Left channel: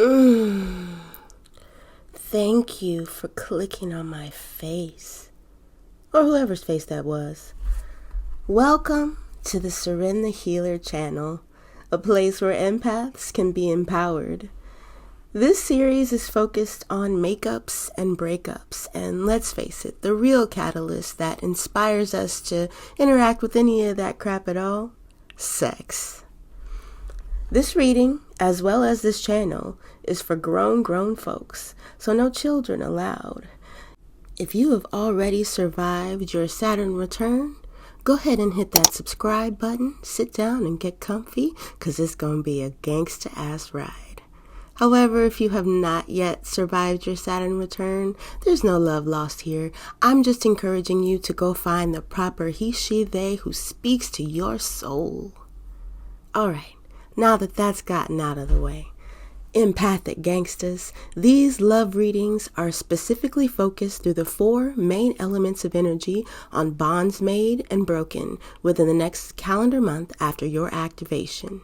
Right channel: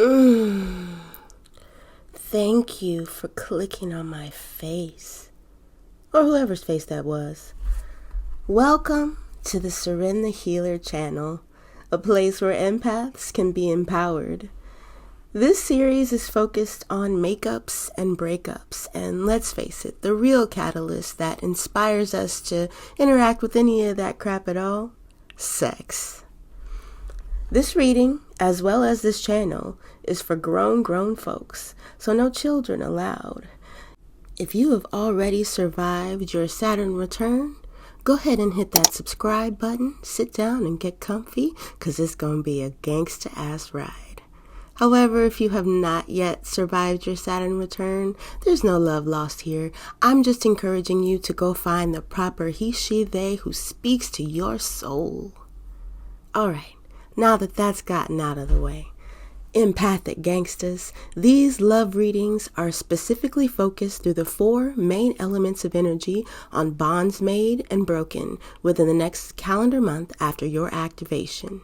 Mm. Thank you for clicking on my face, or whoever's face that was. Welcome to the Seren the Healer channel, a place where empaths can be empowered. This series is focused on makeups and breakups, and let's face it, the real catalyst that inspires us to interact with any of that crap at all: sex. This reading, as well as this channel, is for grown folks, so no children allowed. If you have already survived your Saturn return, go ahead and hit that subscribe button, sit down and get comfy, because it's going to be a gangsta-ass ride. However, if you have not yet survived your Saturn return, there's no love lost here. I'm just encouraging you to go find the proper he, she, they who speaks to your soul. Alright. Now that that's gotten out of the way, empathic gangsters, these love readings are specifically focused through the 4 main elements of energy on bonds made and broken within the next calendar month after your activation.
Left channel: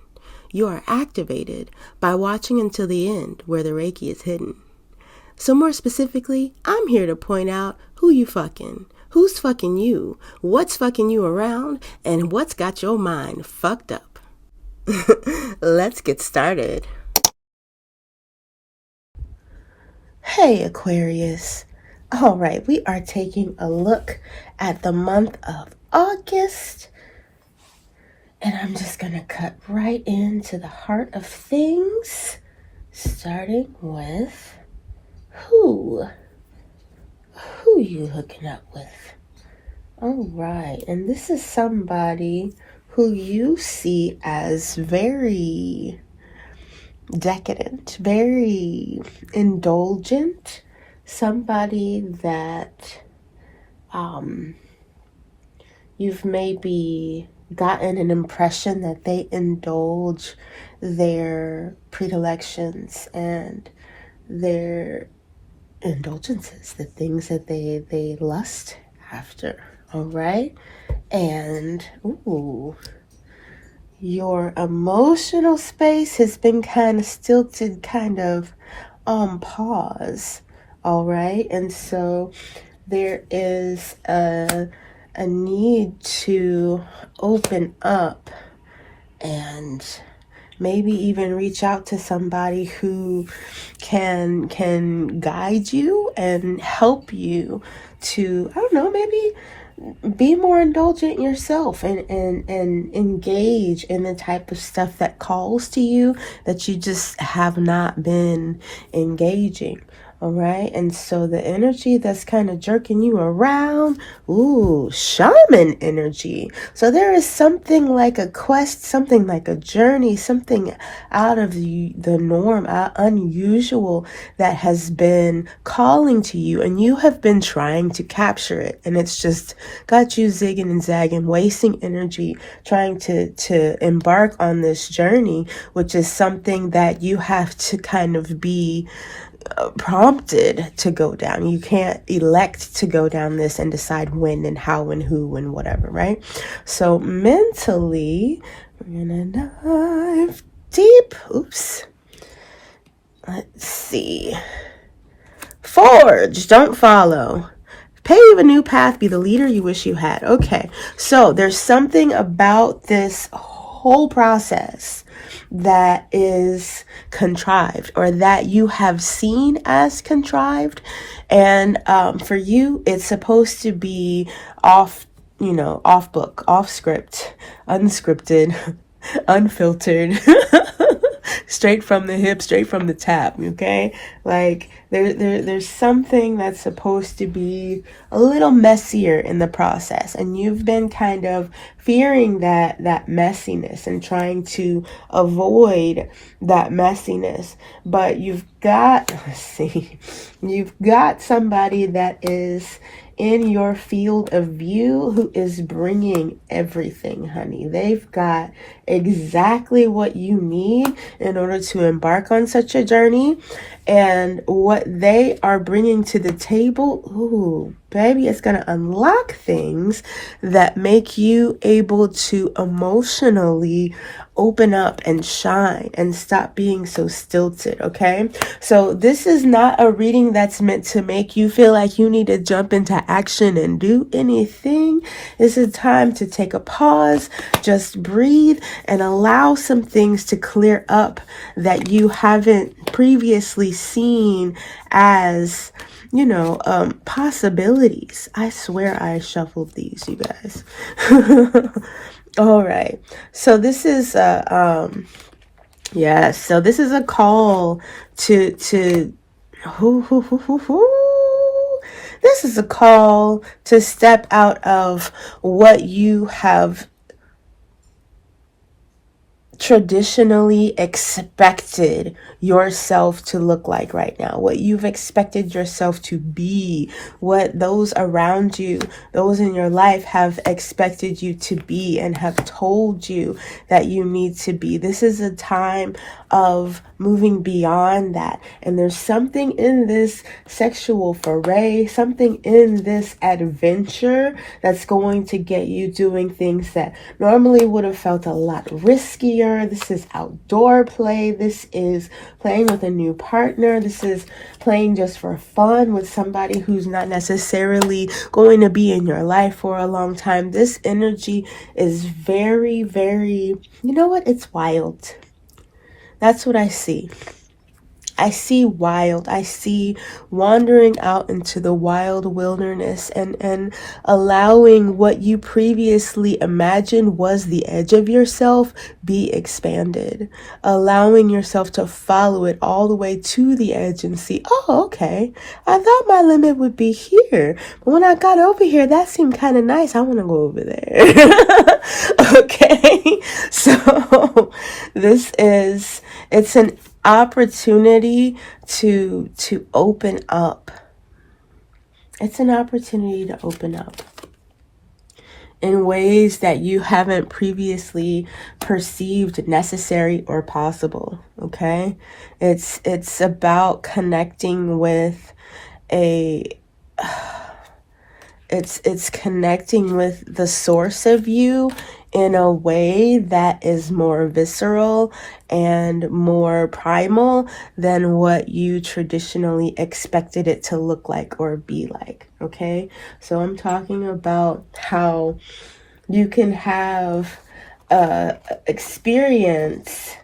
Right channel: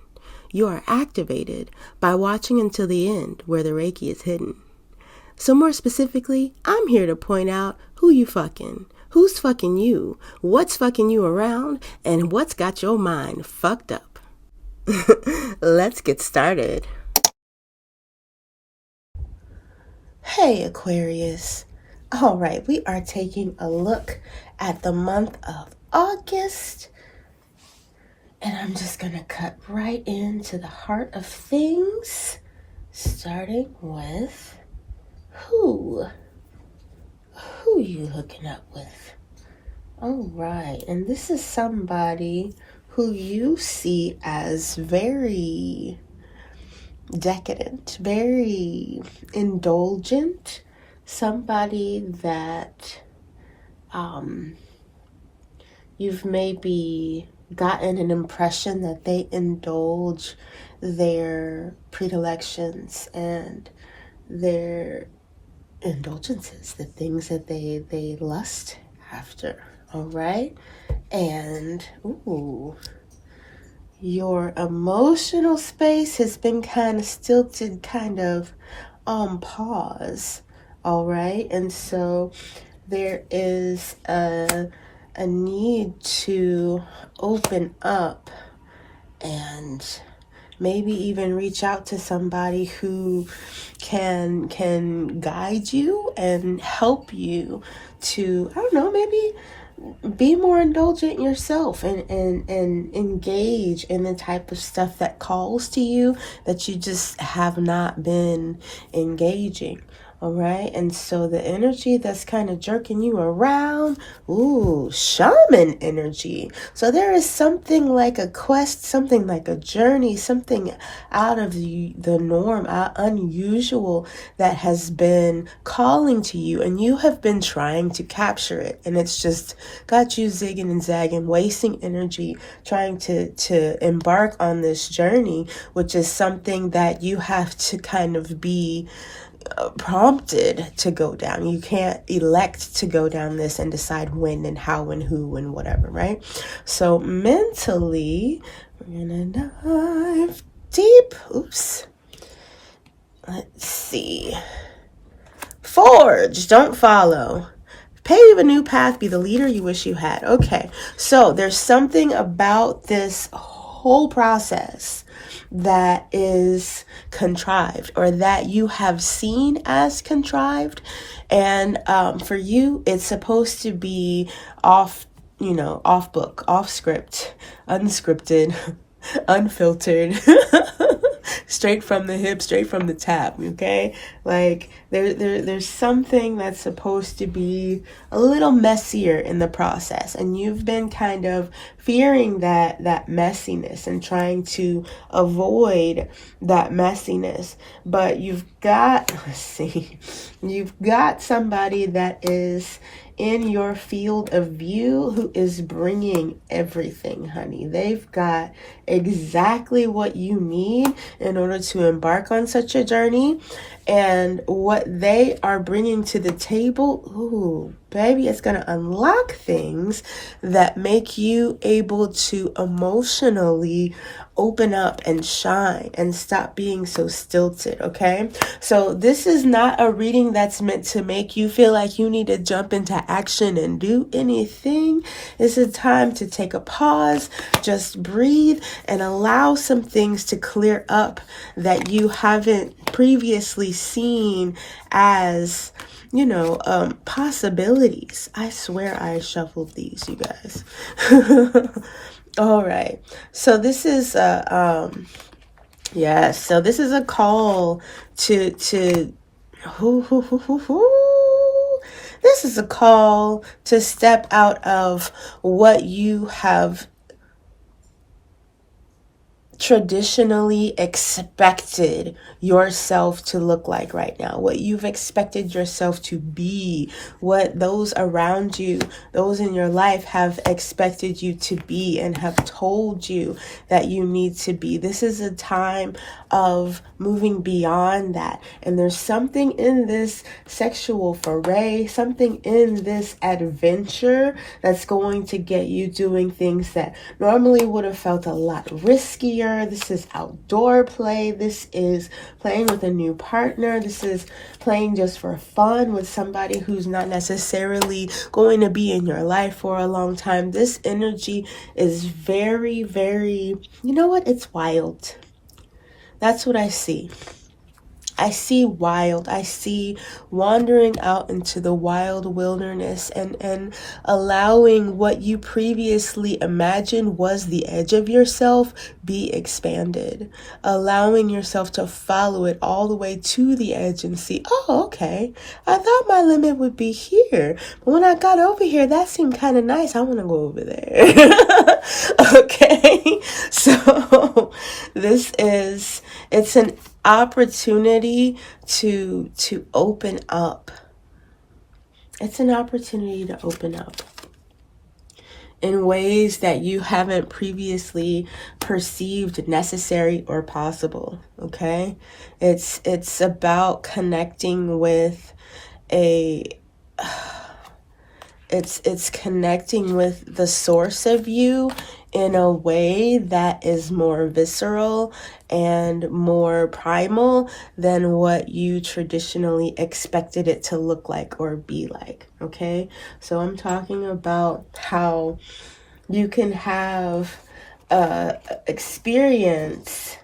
You are activated by watching until the end where the Reiki is hidden. So more specifically, I'm here to point out who you fucking, who's fucking you, what's fucking you around, and what's got your mind fucked up. Let's get started. Hey Aquarius. Alright, we are taking a look at the month of August. And I'm just going to cut right into the heart of things. Starting with who you hooking up with? Alright, and this is somebody who you see as very decadent, very indulgent, somebody that you've maybe gotten an impression that they indulge their predilections and their indulgences, the things that they lust after. All right. And your emotional space has been kind of stilted, kind of on pause. All right. And so there is a need to open up and maybe even reach out to somebody who can guide you and help you to, I don't know, maybe be more indulgent yourself and engage in the type of stuff that calls to you that you just have not been engaging. All right. And so the energy that's kind of jerking you around, shaman energy. So there is something like a quest, something like a journey, something out of the norm, unusual that has been calling to you, and you have been trying to capture it. And it's just got you zigging and zagging, wasting energy, trying to embark on this journey, which is something that you have to kind of be prompted to go down. You can't elect to go down this and decide when and how and who and whatever, right? So mentally, we're gonna dive deep. Let's see. Forge, don't follow. Pave a new path, be the leader you wish you had. Okay, so there's something about this whole process that is contrived, or that you have seen as contrived, and for you it's supposed to be off book, off script, unscripted, unfiltered, straight from the hip, straight from the tap. Okay, like there's something that's supposed to be a little messier in the process, and you've been kind of fearing that messiness and trying to avoid that messiness. But you've got somebody that is in your field of view who is bringing everything, honey. They've got exactly what you need in order to embark on such a journey. And what they are bringing to the table, baby, it's going to unlock things that make you able to emotionally open up and shine and stop being so stilted, okay? So this is not a reading that's meant to make you feel like you need to jump into action and do anything. This is time to take a pause, just breathe, and allow some things to clear up that you haven't previously seen as, you know, possibilities. I swear I shuffled these, you guys. All right. So this is yes. So this is a call to this is a call to step out of what you have traditionally expected yourself to look like right now, what you've expected yourself to be, what those around you, those in your life have expected you to be and have told you that you need to be. This is a time of moving beyond that. And there's something in this sexual foray, something in this adventure that's going to get you doing things that normally would have felt a lot riskier. This is outdoor play. This is playing with a new partner. This is playing just for fun with somebody who's not necessarily going to be in your life for a long time. This energy is very, very, you know what? It's wild. That's what I see. I see wild. I see wandering out into the wild wilderness and allowing what you previously imagined was the edge of yourself be expanded. Allowing yourself to follow it all the way to the edge and see, oh, okay, I thought my limit would be here. But when I got over here, that seemed kind of nice. I want to go over there. Okay. So it's an opportunity to open up. It's an opportunity to open up in ways that you haven't previously perceived necessary or possible. Okay? It's about connecting with it's connecting with the source of you in a way that is more visceral and more primal than what you traditionally expected it to look like or be like. Okay? So I'm talking about how you can have a experience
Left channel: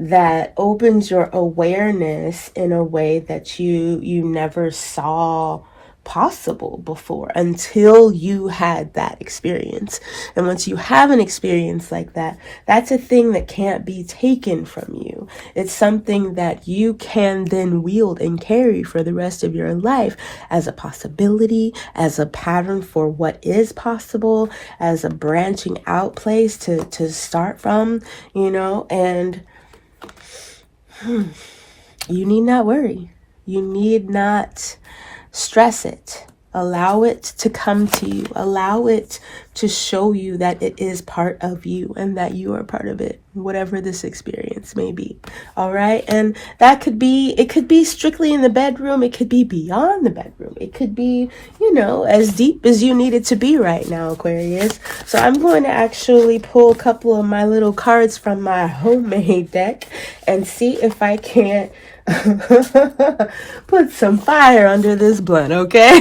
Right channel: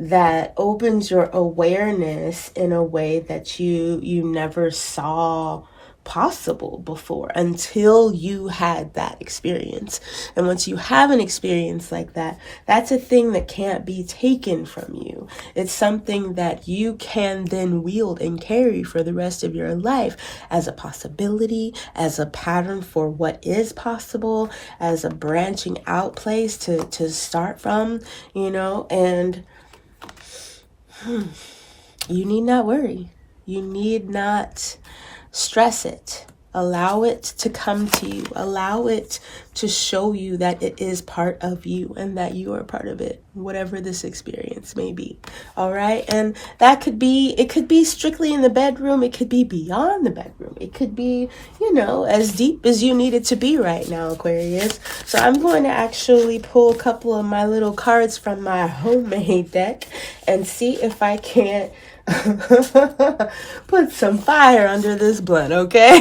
that opens your awareness in a way that you never saw possible before until you had that experience. And once you have an experience like that, that's a thing that can't be taken from you. It's something that you can then wield and carry for the rest of your life as a possibility, as a pattern for what is possible, as a branching out place to start from, you know, and you need not worry. You need not stress it. Allow it to come to you. Allow it to show you that it is part of you and that you are part of it, whatever this experience may be. All right. And it could be strictly in the bedroom. It could be beyond the bedroom. It could be, you know, as deep as you need it to be right now, Aquarius. So I'm going to actually pull a couple of my little cards from my homemade deck and see if I can't put some fire under this blunt, okay?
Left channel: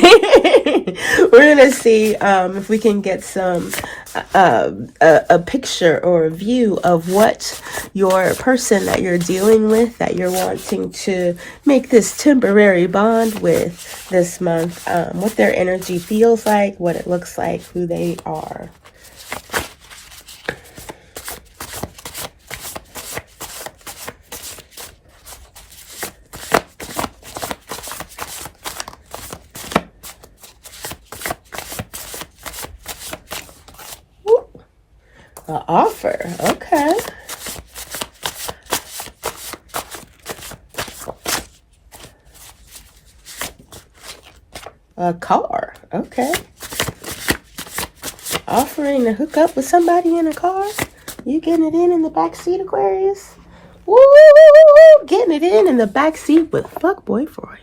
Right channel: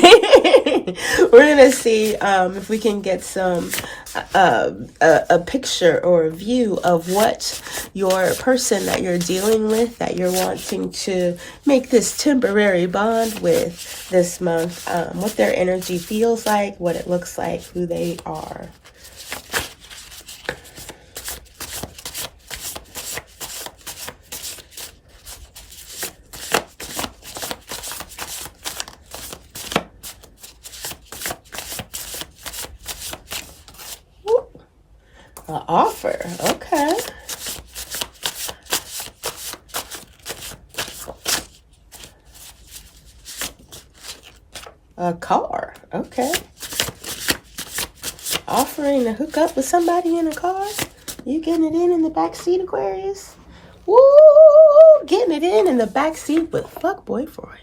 We're gonna see if we can get some a picture or a view of what your person that you're dealing with, that you're wanting to make this temporary bond with this month, what their energy feels like, what it looks like, who they are. An offer, okay. A car, okay. Offering to hook up with somebody in a car. You getting it in the back seat, Aquarius? Woo! Getting it in the back seat with fuckboy Freud.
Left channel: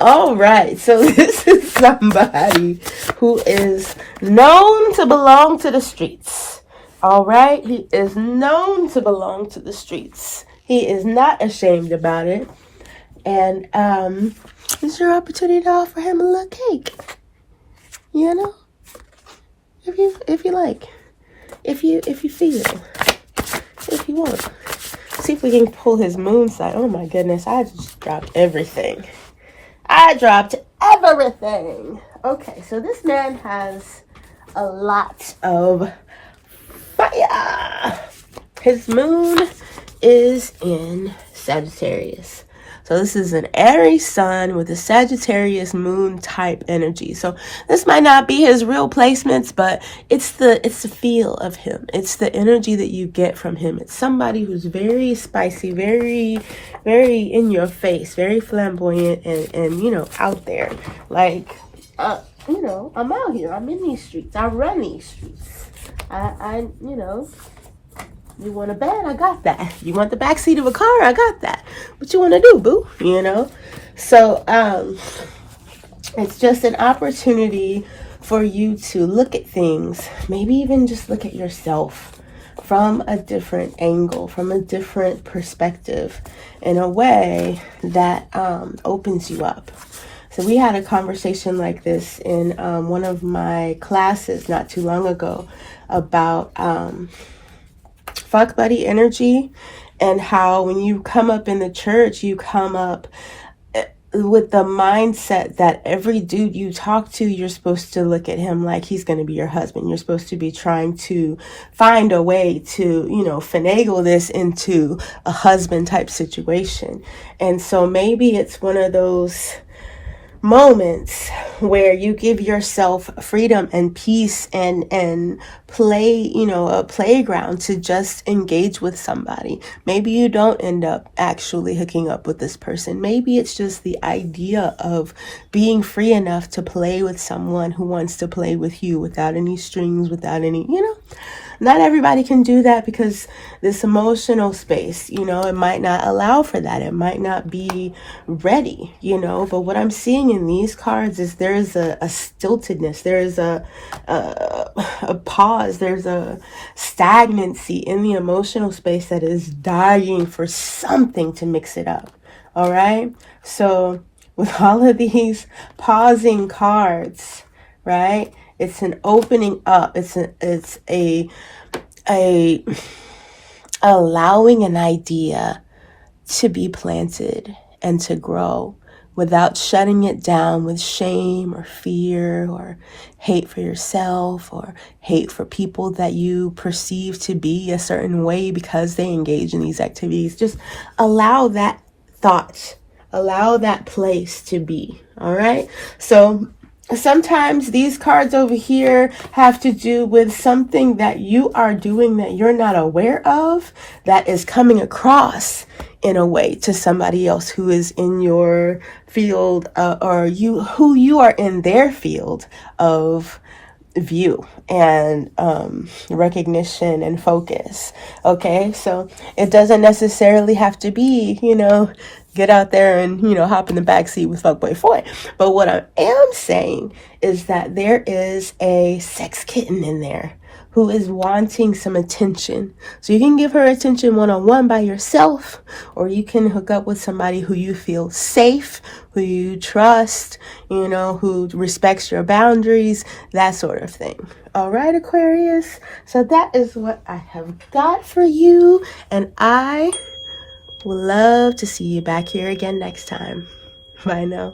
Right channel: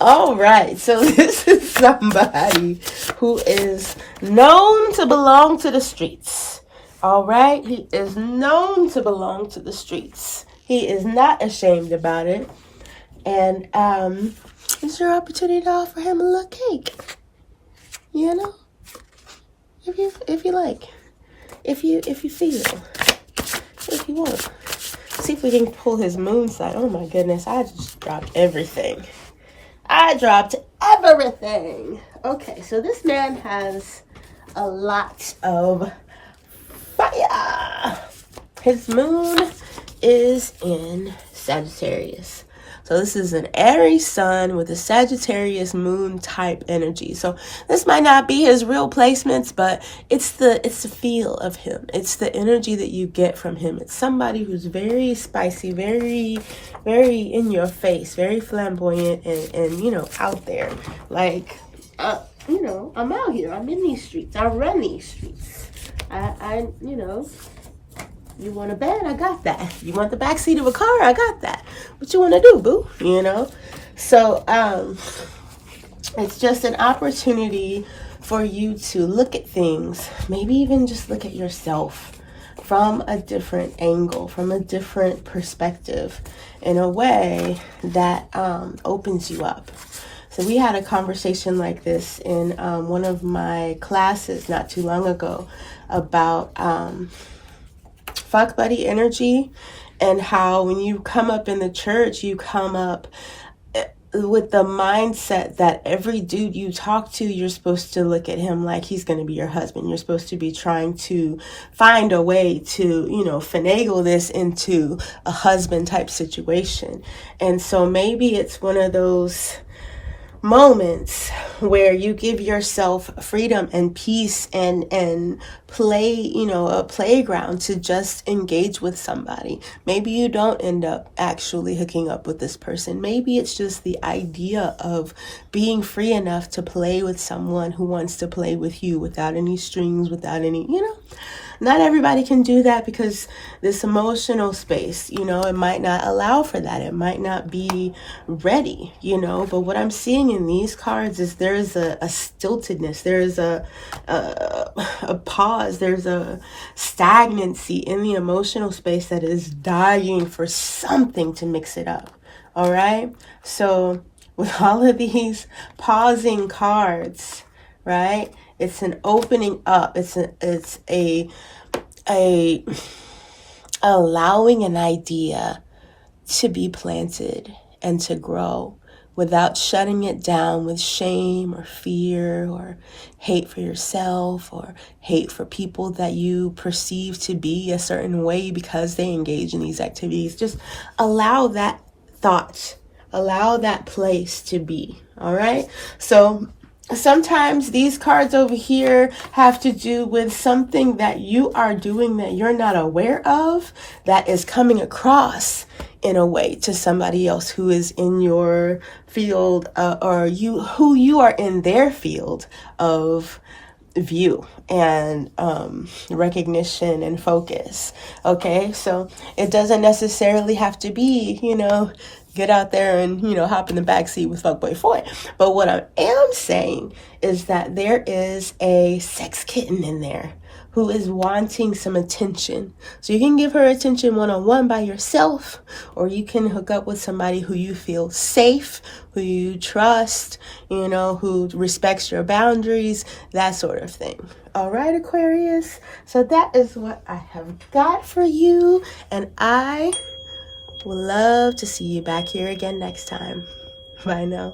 All right, so this is somebody who is known to belong to the streets. All right? He is known to belong to the streets. He is not ashamed about it. And it's your opportunity to offer him a little cake. You know? If you like. If you feel. If you want. See if we can pull his moon side. Oh my goodness, I just dropped everything. Okay, so this man has a lot of fire. His moon is in Sagittarius. So this is an Aries sun with a Sagittarius moon type energy. So this might not be his real placements, but it's the feel of him. It's the energy that you get from him. It's somebody who's very spicy, very, very in your face, very flamboyant, and you know, out there. Like, you know, I'm out here. I'm in these streets. I run these streets. I you know. You want a bed? I got that. You want the backseat of a car? I got that. What you want to do, boo? You know? So, it's just an opportunity for you to look at things, maybe even just look at yourself from a different angle, from a different perspective, in a way that opens you up. So we had a conversation like this in one of my classes not too long ago about fuck buddy energy, and how when you come up in the church, you come up with the mindset that every dude you talk to, you're supposed to look at him like he's going to be your husband. You're supposed to be trying to find a way to, you know, finagle this into a husband type situation. And so maybe it's one of those moments where you give yourself freedom and peace and play, you know, a playground to just engage with somebody. Maybe you don't end up actually hooking up with this person. Maybe it's just the idea of being free enough to play with someone who wants to play with you without any strings, without any, you know. Not everybody can do that because this emotional space, you know, it might not allow for that. It might not be ready, you know. But what I'm seeing in these cards is there's a stiltedness. There's a pause. There's a stagnancy in the emotional space that is dying for something to mix it up. All right. So with all of these pausing cards, right? It's an opening up. It's a allowing an idea to be planted and to grow without shutting it down with shame or fear or hate for yourself or hate for people that you perceive to be a certain way because they engage in these activities. Just allow that thought, allow that place to be. All right. So sometimes these cards over here have to do with something that you are doing that you're not aware of, that is coming across in a way to somebody else who is in your field, or who you are in their field of view and recognition and focus. Okay, so it doesn't necessarily have to be, you know, get out there and, you know, hop in the backseat with Fuckboy Foy. But what I am saying is that there is a sex kitten in there who is wanting some attention. So you can give her attention one-on-one by yourself, or you can hook up with somebody who you feel safe, who you trust, you know, who respects your boundaries, that sort of thing. All right, Aquarius. So that is what I have got for you, and I would love to see you back here again next time. Bye now.